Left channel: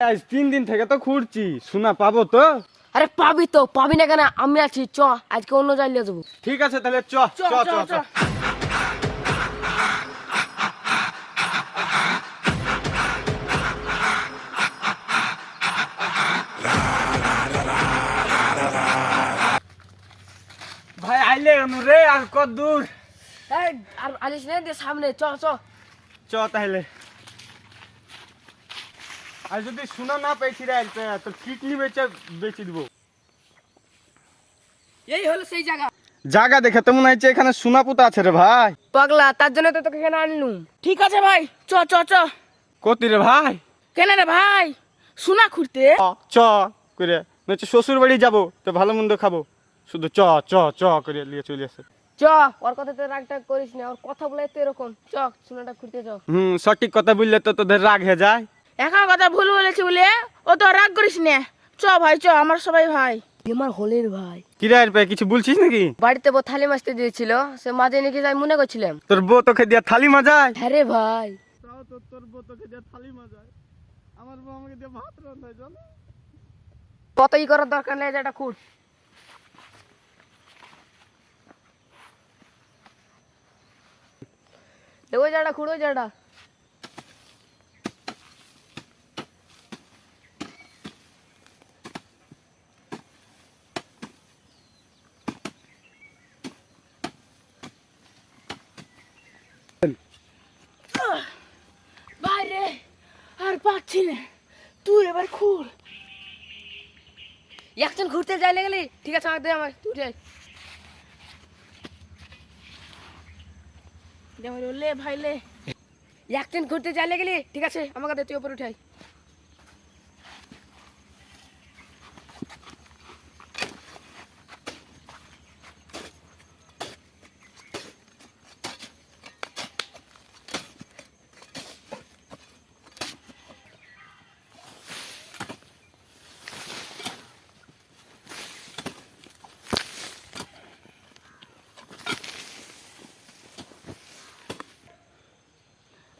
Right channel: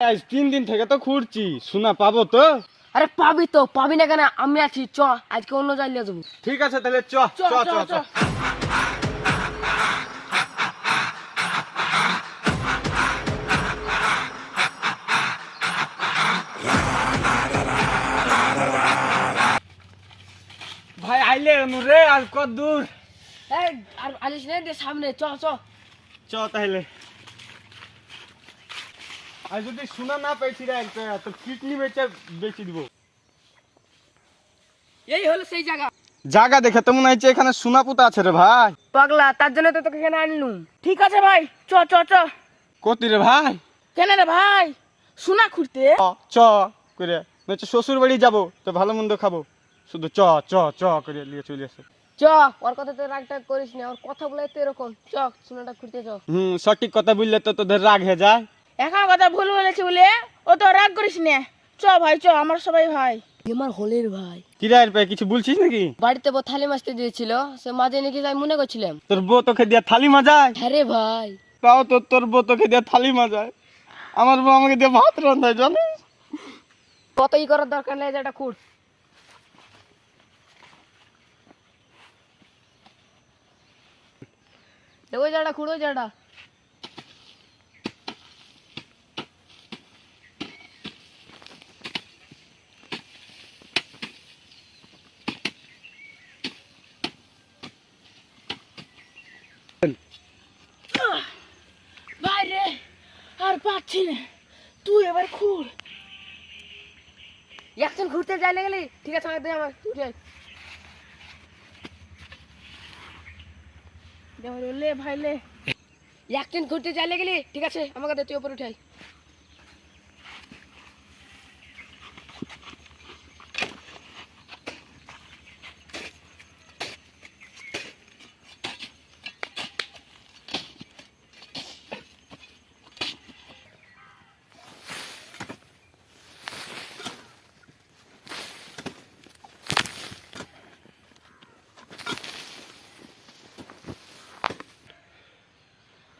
আজ তিন দিন থেকে তো খুঁড়ছি শোনা পাবো তো? আরে পাবি তো পাবি না কেন? আমি আছি চ আজকে অন্য জায়গায় যাব। ঠিক আছে তাহলে চ চ চ ভাই আইলে অনু রে আর কত দূর? এই, আর আলিস নাই সামনে চ চ। চ তাহলে। আর যদি সোনা না পাইছি রে তো কিডনি বেচে বেচে দিব? এই হলো সেই জায়গা। জায়গা দেখে তো মনে হচ্ছে এখানে সোনা পুতা আছে রে ভাই। পাগলা তার জন্য তো তোকে এখানে আনলুম। ঠিক আছে ভাই চ চ চ। কতি রে ভাই। কেন রে ভাই? সোনা খুঁড়তে? চ, চ করে। নচ্ছে শ্বশুর বাড়ি যাব তো ভালো মন্দ খাব। শুধু চ চ চ করে নিয়ে চলে আসে। চ ওর কথা তো রাগ টাগ করিস না ওর কথা বলে তো এরকম। চ সোনাটা খুঁড়তে চ। হুম সঠিক কথা বললে তো তোদের রাগ হয়ে যায়। এখন কথা ভুল বলেছি বলে ও তো রাগ করিস না। চ ভাই চ আমার সবাই ভাই। আমার হলের ভাই। কিরায়ের পায়ে কিছু বলছিস নাকি? বাড়িতে বউ থালি মাছতে দিয়েছিল সে মাঝে নাকি যাই মনে করছিলাম। তোর বউ তোকে দিয়া থালি মাজায়? হ্যাঁ রে ভাই। তাও তো তোর বউ তোকে দিয়া থালি মাজায়। আমার বউ আমাকে দিয়ে ভাত রান্ধায় জানিস? কত ই করার দরকার নেই যেটা খুঁড়। দেখো জায়গা খুঁড়ো জায়গা আর পাচ্ছি না। তুই এবার খুঁড় একজন ঘুরতে যাইলে গেলি? ঠিক আছে, আমার দে, আমার দেখো লে ভাই, লে। একজন ঘুরতে যাইলে গেলি? ঠিক আছে, আমাকে তুই ওপর উঠাই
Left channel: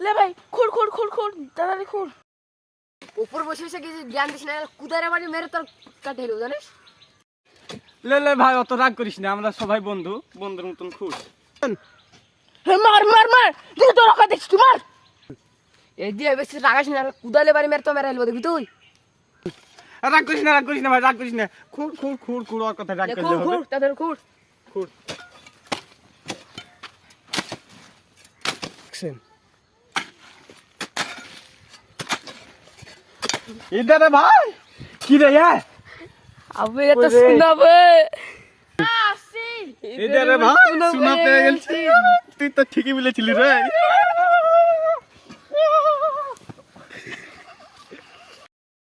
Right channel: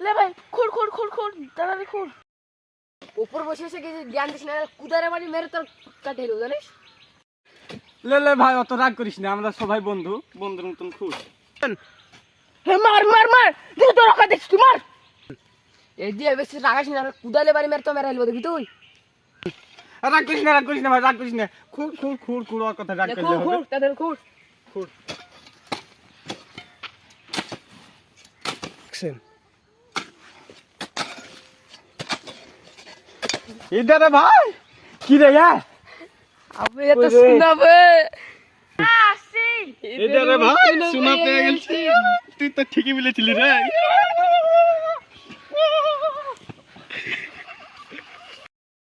লে ভাই খুঁড় খুঁড় তাড়াতাড়ি খুঁড় উপর বসে বসে কিছু জ্ঞান দিস না কুদারে বাড়ি মেরে তোর কাটে এলো জানিস? লে লে ভাই অত রাগ করিস না আমরা সবাই বন্ধু বন্ধুর মতন খুশ। হে মার মার মার তুই তো রাখা দেখছিস তুই মার। এই দিয়ে বেশি রাগাস না কুদালে বাড়ি মেরে তো মেরে এলবো দেখবি তুই? রাগ করিস না রাগ করিস না ভাই রাগ করিস না। খুঁড় খুঁড় খুঁড় খুঁড় ওর কথা রাগ লে, করলে খুঁড় খুঁড় তাদের খুঁড় খুঁড় এই দাদা ভাই কি রে ভাই আবে এত ওরে। শোনাবে আসি। এই রে ভাই শোনা পেয়ে গেছি তুই তো ঠিকই বলেছিলি রে।